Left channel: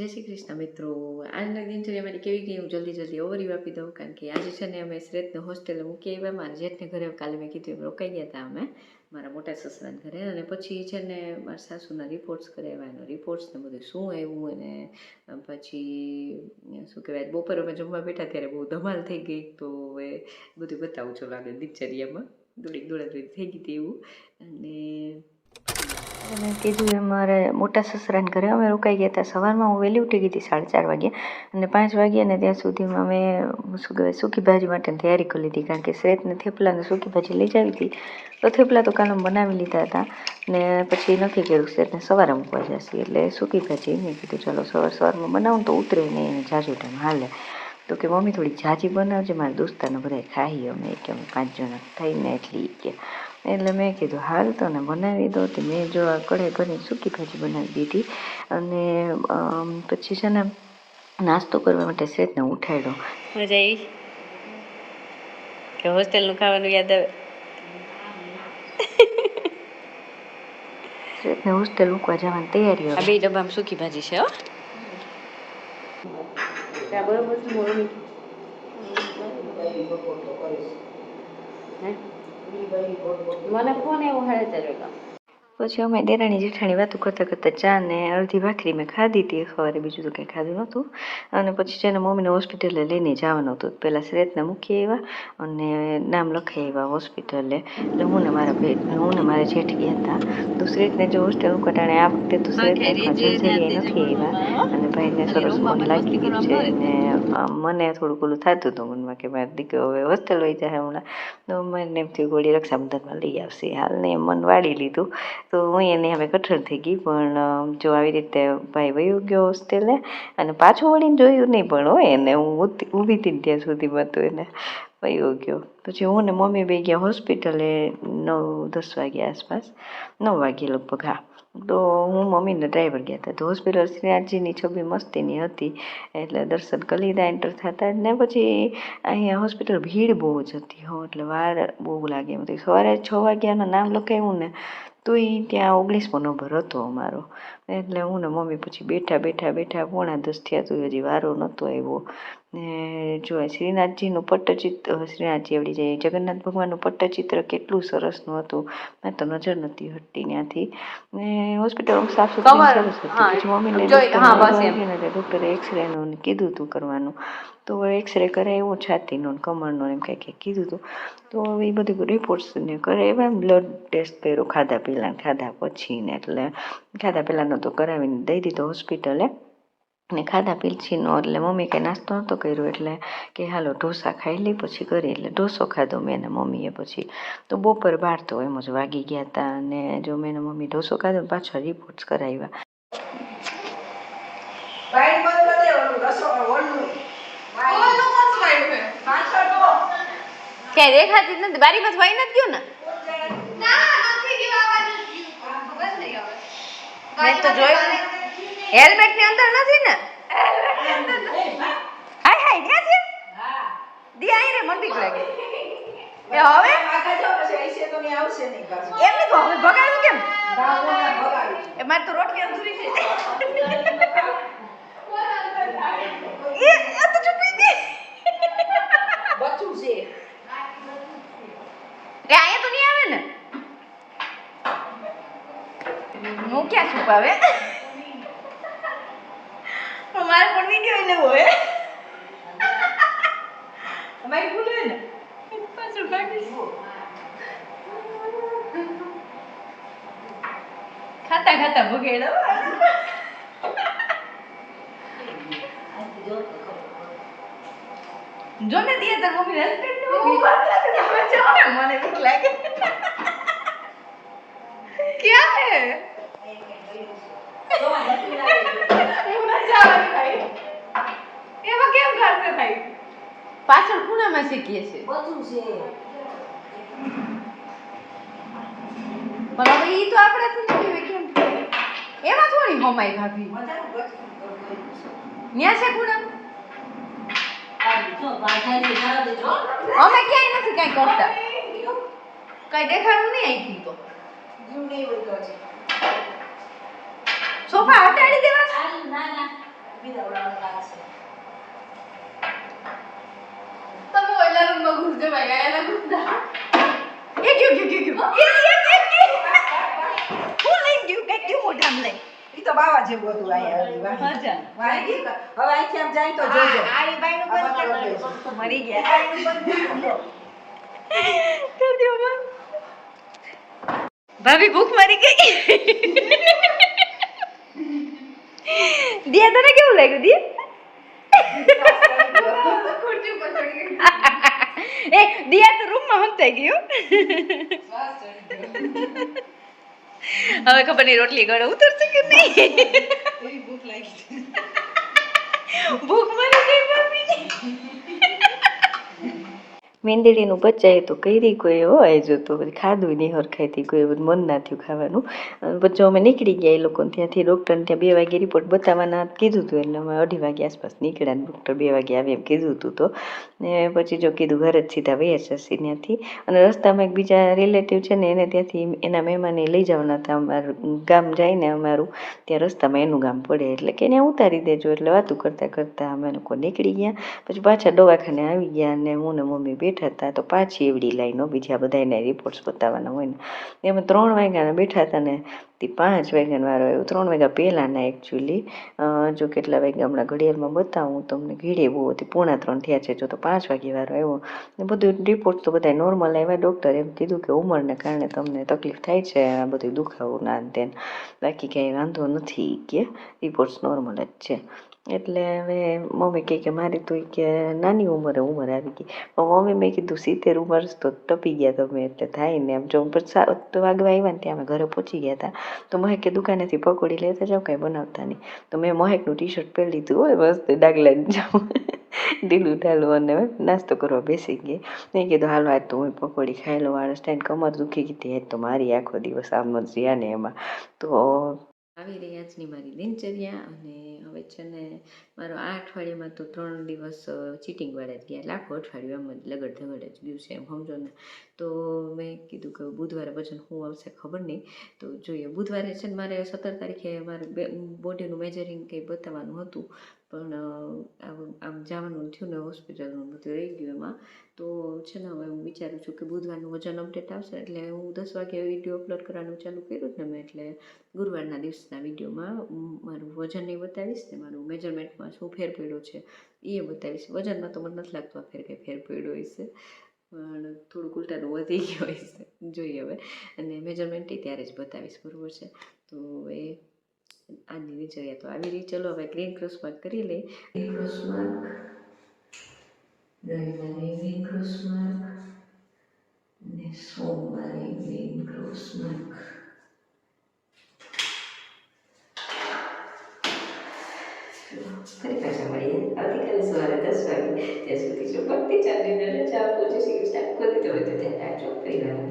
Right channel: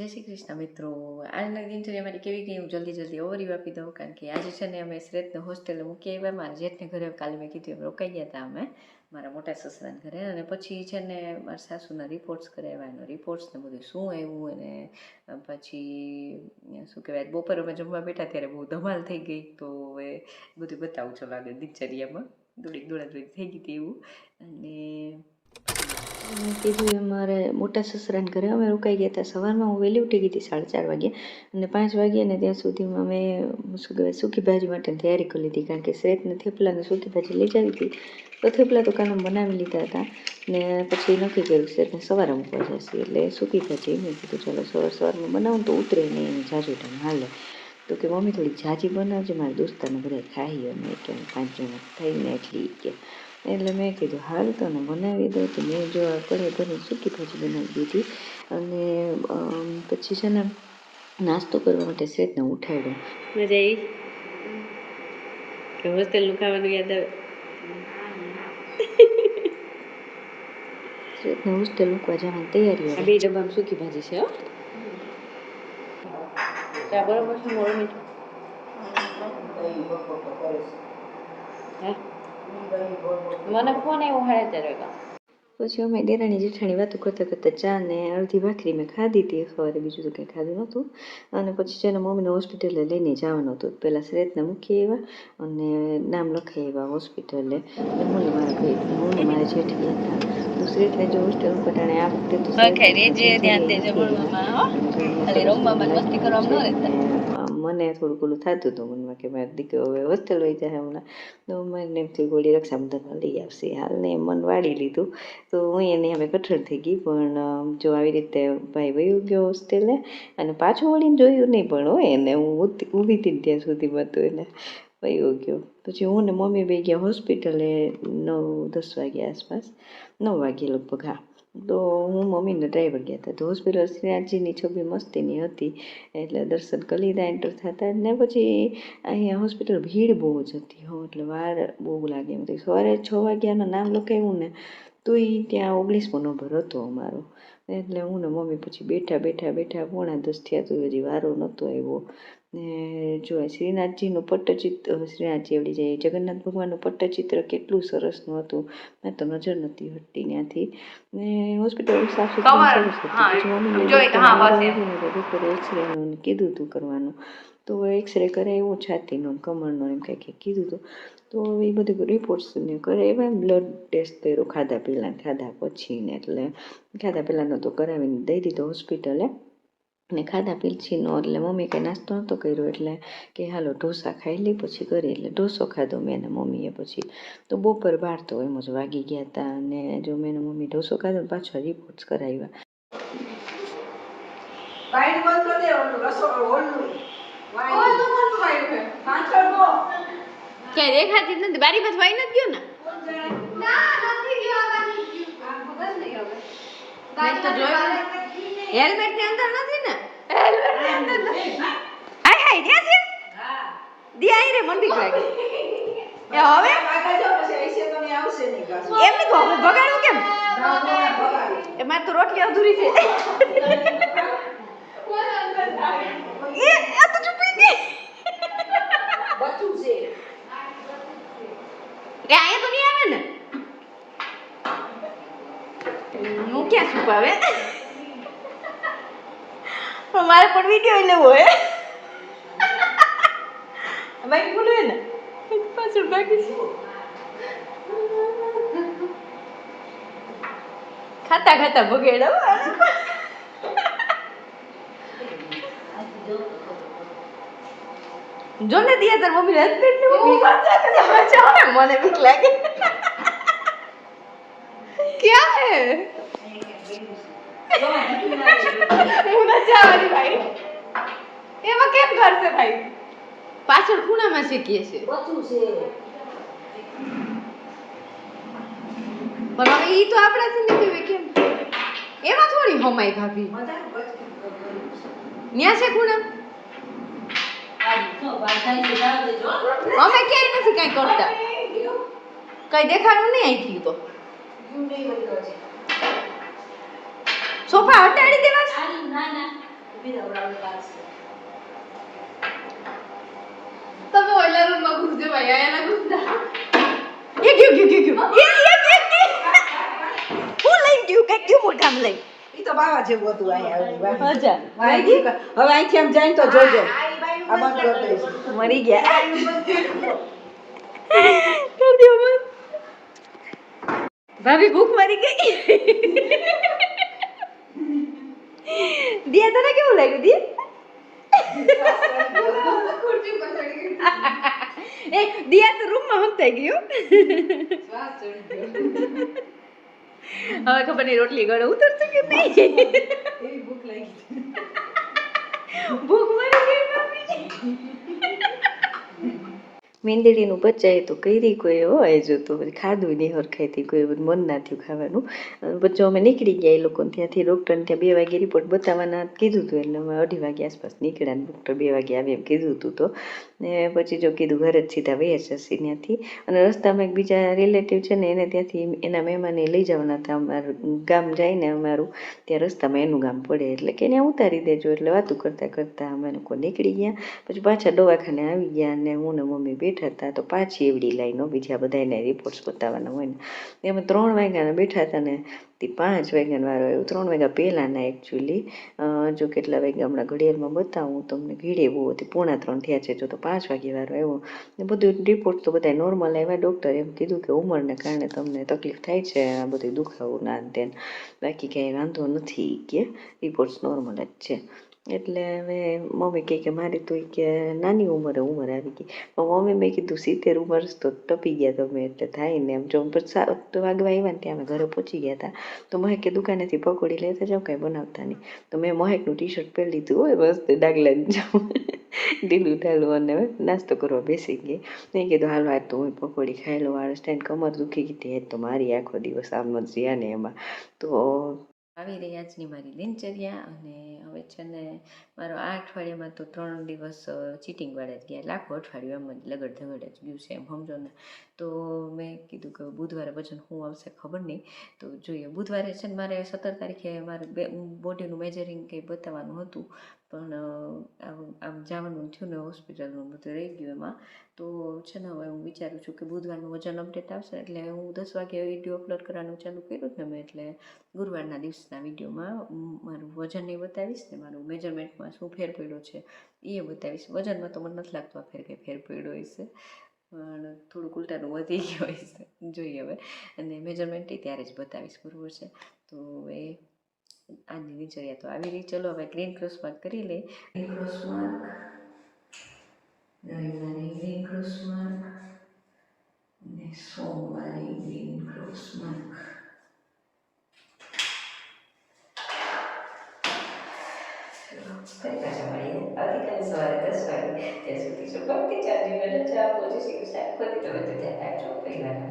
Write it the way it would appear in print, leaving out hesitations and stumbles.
જય શ્રી કૃષ્ણ મિત્રો. આજના દિનચર્યા મારી કેવી ગઈ હું જલ્દી ઓવરવ્યૂ આપી દઉં, કારણ કે આજે છે ને અમે શ્રેતને હોસ્ટેલે મૂકી આવ્યા. મારા જેઠને ઘરે કાલે મેં કીધું એમ રોકાઈ ગયા હતા અમે મારા મોટા સસરાના ઘરે, અને પછી છે ને મારા સાસુના રિપોર્ટ્સ કરાવ્યા, એનો રિપોર્ટ્સ ને બધું શું આવ્યું, અને પછી શું કહેવાય બપોરે અમે જમવા બેઠા ત્યારે બહુ ધમાલ થઈ ગઈ. તો એ બધું બતાવું છો લાગે દિનચર્યામાં દોડાદોડી થઈ ગઈ હતી એવું. અને મેં કીધું એમ મારે મોટા સસરાને ઘરે અમે રોકાઈ ગયા હતા. સવારમાં હું વહેલી ઉઠી ગઈ હતી 4:30 વાગે, અને 5 વાગ્યા ને ત્યાં સુધીમાં મેં શું કહેવાય સૂકી ભાજી માટેની તૈયારી કરી લીધી, કારણ કે શ્રેતને થેપલાને સૂકી ભાજી લઈ જાવી હતી. તો થેપલા તો કાલે બનાવી લીધા હતા, ને પછી નક્કી કર્યું શ્રેતને સવારે મૂકવા જશે એટલે સૂકી ભાજી મેં કીધું ચાલો સવારમાં બનાવું તો ઉતરે નહીં એને જાજુ ટાઈમ હાલે. તો કે મમ્મી થોડી જાજી બનાવજે, મારા દોસ્તારને બધા ખાઈએ અમે કે અમે 5 જણા થઈને એટલી કે. એટલે મેં કીધું હાલ તો ને બનાવી દો. તો મેં જો આ કઢાઈ ભરીને સૂકી ભાજી બનાવી દીધી, અને પછી છે ને નાસ્તો કરવા માટે શ્રેતને ઉઠાડ્યો. મજા આવી કે હોસ્ટેલનું ખાવાનું યાદ આવે? શ્રેતને હોસ્ટેલ મૂકવા જવાની તૈયારી. આ 2 ડબ્બામાં સૂકી ભાજી છે. બરોબર છે મોરમી. મને ફોન આવ્યો 4:30. પછી અમે દેરાણી જેઠાણી વાતો કરતાં કરતાં ચા ને અડધી ભાખરી મેં ખાધી હતી સવારે, બીજું તો કંઈ ખાધું નહોતું. અને પછી છે ને મમ્મીને હોસ્પિટલે લઈને જવાનું હતું. પહેલાં શ્રેતને મૂકી આવ્યા અને નામ લખાઈ આવ્યા હોસ્પિટલે. એટલે હું ને મારા જેઠ ગયા હતા. તો શ્રેતને જો હોસ્ટેલ કટાણે આ વખતે તો શ્રેતને નથી આવ્યા, અને ભાઈને સરસ ફોન લાગી ગયું છે. ને મને થોડુંક ઓલું થતું હતું મનમાં કે મારી દીકરો હવે હોસ્ટેલ વહી જાય હમણાં, તો મને એમ થયું ગોળી રક્ષાબંધનમાં લઈ આવશે. હાલને મન વાળી લીધું. તો હું એને હવે કઠણ થઈ ગઈ, પણ જો આવી રીતે ભાઈ વયો ગયો હોસ્ટેલે, અને પાછું વળીને જોયું નહીં પણ હોય એને, હું ઊભી હતી ત્યાં સુધીમાં તો એને વયો ગયો. પછી હું ને મમ્મી બે ગયા હોસ્પિટલે 9-10 વાગ્યા આસપાસ, 9 વાગ્યે લગભગ. હા, તો હું મમ્મીને ડ્રાઈવર ગયા હતા. તો હોસ્પિટલ શ્રીનાથજીની છબી મસ્તીની હતી, એટલે દર્શન કરી લીધા એન્ટર થતા જ. ને પછી અહીંયા હોસ્પિટલ ભીડ બહુ જ હતી હો, એટલે વાર બહુ લાગે એમ હતી. સવારે 6 વાગ્યાનું નામ લખાવ્યું ને તો એ ત્યાં 19મો નંબર હતો અમારો. એટલે હું ને મમ્મી પછી બેઠા 9:45 થયા તો હજી વારો નહોતો આવ્યો. ને જો શ્રીનાથજીનું પટ્ટચિત્ર, શ્રીનાથજી આવડી જાય જગન્નાથ ભગવાનનું પટ્ટચિત્ર કેટલું સરસનું હતું. મેં તો નજર નથી હટતી ત્યાંથી. ને હોસ્પિટલ સાફ સુથરી સરસ હતી. પછી મમ્મીને ડૉક્ટરે એક્સરેનું કીધું હતું કરવાનું, તો એક્સરે કરાવ્યો છાતીનો કમરનો એમ કંઈક કીધું હતું. તો એ બધું રિપોર્ટ્સને કરાવ્યા, બ્લડ ટેસ્ટ કર્યો ખાધા પછી ને, એટલે ખાધા પહેલાંનો તો કરાવીને દઈ દીધો હોસ્પિટલે. ને ખાધા પીછીનો એટલે મમ્મી કંઈ નાસ્તો નહોતો કર્યો, એટલે કે હાલો ઢોસા ખાઈ લઈ પછી કરી. એટલે ઢોસો ખાધો મેં ને મમ્મીએ. પછી તો બપોર 12 તો એમ જ વાગી ગયા હતા. અને જો મેં ને મમ્મી ઢોસો ખાધો પાછા રિપોર્ટ્સ કરાવ્યા. ક્યાં દેખાતી જ નથી, બારી માં વાઈ નથી ગયો ને? મેં તો જોયું હેલ્મેટ ની અંદર નથી ને. હાય હાય ત્યાં છે. દી આઈ રે મન બીક લાગે. એ હવે એમ નહીં તો હવે ભગાડવું કેમ? એ મારે તો રોટલી અધૂરી છે. એ આ તો ચૂપી ગઈ. બચું છે. એ અહીંયા તો નહીં આવે ને. હું ક્યાં છુપાવે? મારે પણ વિડીયો લેવો હે. અમારી બોલવે ને પાછળ બાકી છે. ખાતા ભગેડો. જો ને દિયા તાર મમ્મી હસબન્ડ નું મને બીક લાગે. ક્યાં હે? એમાં કેમ કરશે ભાઈ? પાછળ ખૂણામાં શીખીએ છે. પણ હવે ઈ તો આપણાથી ને પીવે કેમ? એમાં થોડી હમાય ભાભી. ન્યા છે ખૂણા. અમે ક્યાંય નથી કઈ કરતા, કઈ દેખાડું નહીં આવી તો. સોફા હટાડી દેવા. બીજા ઓલા લાગશે તમે ઓલા રૂમમાં ઘૂસજો ભાઈ આયા ના એ ગયું હું લઈ ગયું કઈ ગયું મોઢામ લઈ ઈ તો બાવા જેવું હતું અહીંયા અચ્છા હવે અહીંથી આમ જાય તો જોજો મરી ગયા કર દો મત ભાભી ભૂખ મરી ગઈ દિયા તને કેવું લાગ્યું દિયા ખુરશી પર ચડી ગઈ એ દિયા તો રૂમમાં હંતાઈ ગયું શ્વાસ ચડી ગયો હવે ખબર નહીં રોટલી ગળે ઉતરશે કે નહીં એવી ભૂખ લાગી ભૂખ મરી ગઈ ભાભી મેંદડીનું બચ્ચાએ તો કરી કોઈ હોય જો તો પછી ખાધું નહીં હરખાઈથી કોઈ મન ના થયું ખાવાનું પછી અમે નીકળી ગયા એ લોકોને ત્યાંથી ડૉક્ટરને ત્યાં 2 વાગે રિપોર્ટ બતાવવાના કીધું હતું એટલે અમે 2:30 વાગે આસપાસ નીકળ્યા ને ડૉક્ટર 2 વાગે આવે એમ કીધું હતું તો ને પછી જો કીધું ઘરે જ સીધા વયા જશે ત્યાંથી અને રસ્તામાં એક બીજા રિલેટિવ છે ને એને ત્યાંથી એના મહેમાને લઈ જવાના હતા અમારું ગામ જાય ને અમારું ત્યાં રસ્તામાં એનું ગામ પડે એટલે કે ત્યાં ઉતારી દેજો એટલે વાતું કરતાં કરતાં અમે લોકો નીકળી ગયા પછી પાછા દવાખાને આવી ગયા અને હું ને મમ્મી બેઠા હતા તો પાછી એવડી લાઈનો બીજા બધાના રિપોર્ટ્સ બતાવવાના હોય ને એમાં 3 વાગ્યાના બેઠા હતા ને તે 5 વાગ્યાનો વારો આવ્યો 3 વાગ્યા પહેલાંના એકચ્યુઅલી જો કેટલા વાગ્યા હમણાં ઘડિયાળમાં બતાવું તમને ઘીડે બહુ હતી 2:45 થયા છે જો તો 5 વાગ્યે વારો આવ્યો ને બધું રિપોર્ટ તો બધા નોર્મલ આવ્યા ડૉક્ટરે એમ કીધું કે ઉંમરને કારણે તમને તકલીફ થાય છે આ બધું દુખાવું ના તેન બાકી કંઈ વાંધો નથી કે રિપોર્ટ્સ નોર્મલ જ છે એટલે હવે મમ્મી કહે કે મારી તો કે નાની ઉંમર આવી ગઈ પણ મમ્મી મેં કીધું 70 વર્ષ તો ટપી ગયા તમે એટલે થાય ને એમ જો 7 વાગવા આવ્યા ને ત્યાં અમે ઘરે પહોંચી ગયા હતા તો મહેકે દુકાનેથી પકોડી લેતા જાવ કાંઈ બનાવતા નહીં તો મેં મહેકનું ટી-શર્ટ પહેરી લીધું હોય મસ્ત ડાગલા જાઉં ઢીલું ઢાલું અને નાસ્તો કરવા બેસી ગઈ મેં કીધું હાલો આજ તો હું પકોડી ખાઈ લઉં આળસ ટાઈમ કમર દુખી ગઈ હતી તો મારી આખો દિવસ આમ જ રહ્યા ને એમાં તો આવી રહી આજની મારી દિનચર્યા અને હવે છે ને મારો આ અઠવાડિયામાં તો 3 દિવસ ચીટિંગવાળા જ ગયા એટલે આખું અઠવાડિયું એમ જ લગડ ધગડ જ ગયું છે એમ સમજો ને તો મેં કીધું કે બુધવારે વજન શું આવશે ખબર નહીં તો જોઈએ બુધવારે છે ને મારે 17 તારીખે મારે બોડીનું મેજરિંગ કંઈ બતાવવાનું હતું પણ આમ જવાનું થયું ને હોસ્પિટલનું બધું રહી ગયું એમાં તો છે ને હવે હું વિચારું છું કે બુધવારનું વજન અપડેટ આવશે એટલે હું 10 વાગે વિડીયો અપલોડ કરવાનું ચાલુ કર્યું ને મેં એટલે ગુરુવારના દિવસના વિડીયોમાં મારું વજન એ બતાવીશ ને મારું મેજરમેન્ટમાં શું ફેર પડ્યો છે એ બતાવીશ વજનમાં તો મને નથી લાગતું આ ફેર કંઈ ફેર પડ્યો હશે પણ થોડુંક ઉલટાનું વધી ગયું હશે જોઈએ હવે અને મેજરમેન્ટ એ ત્યારે જ બતાવીશ બરાબર છે તો એ આજની દિનચર્યા તો આવી રહી ચલો હવે ગ્રીન ક્રોસ માર્ક કરી લઈ ગ્રીન ક્રોસ માર્ક રવિવારે ગ્રીન ક્રોસ માર્ક અને સોમવારે ગ્રીન ક્રોસ માર્ક ફરી પાછા મળીએ આવતીકાલે સવારે 10 વાગે ત્યાં સુધી જો ભક્તિ ચાંદીને રજા આપો જય શ્રી કૃષ્ણ ખોદી તમે તો ધ્યાન રાખજો પરિવારને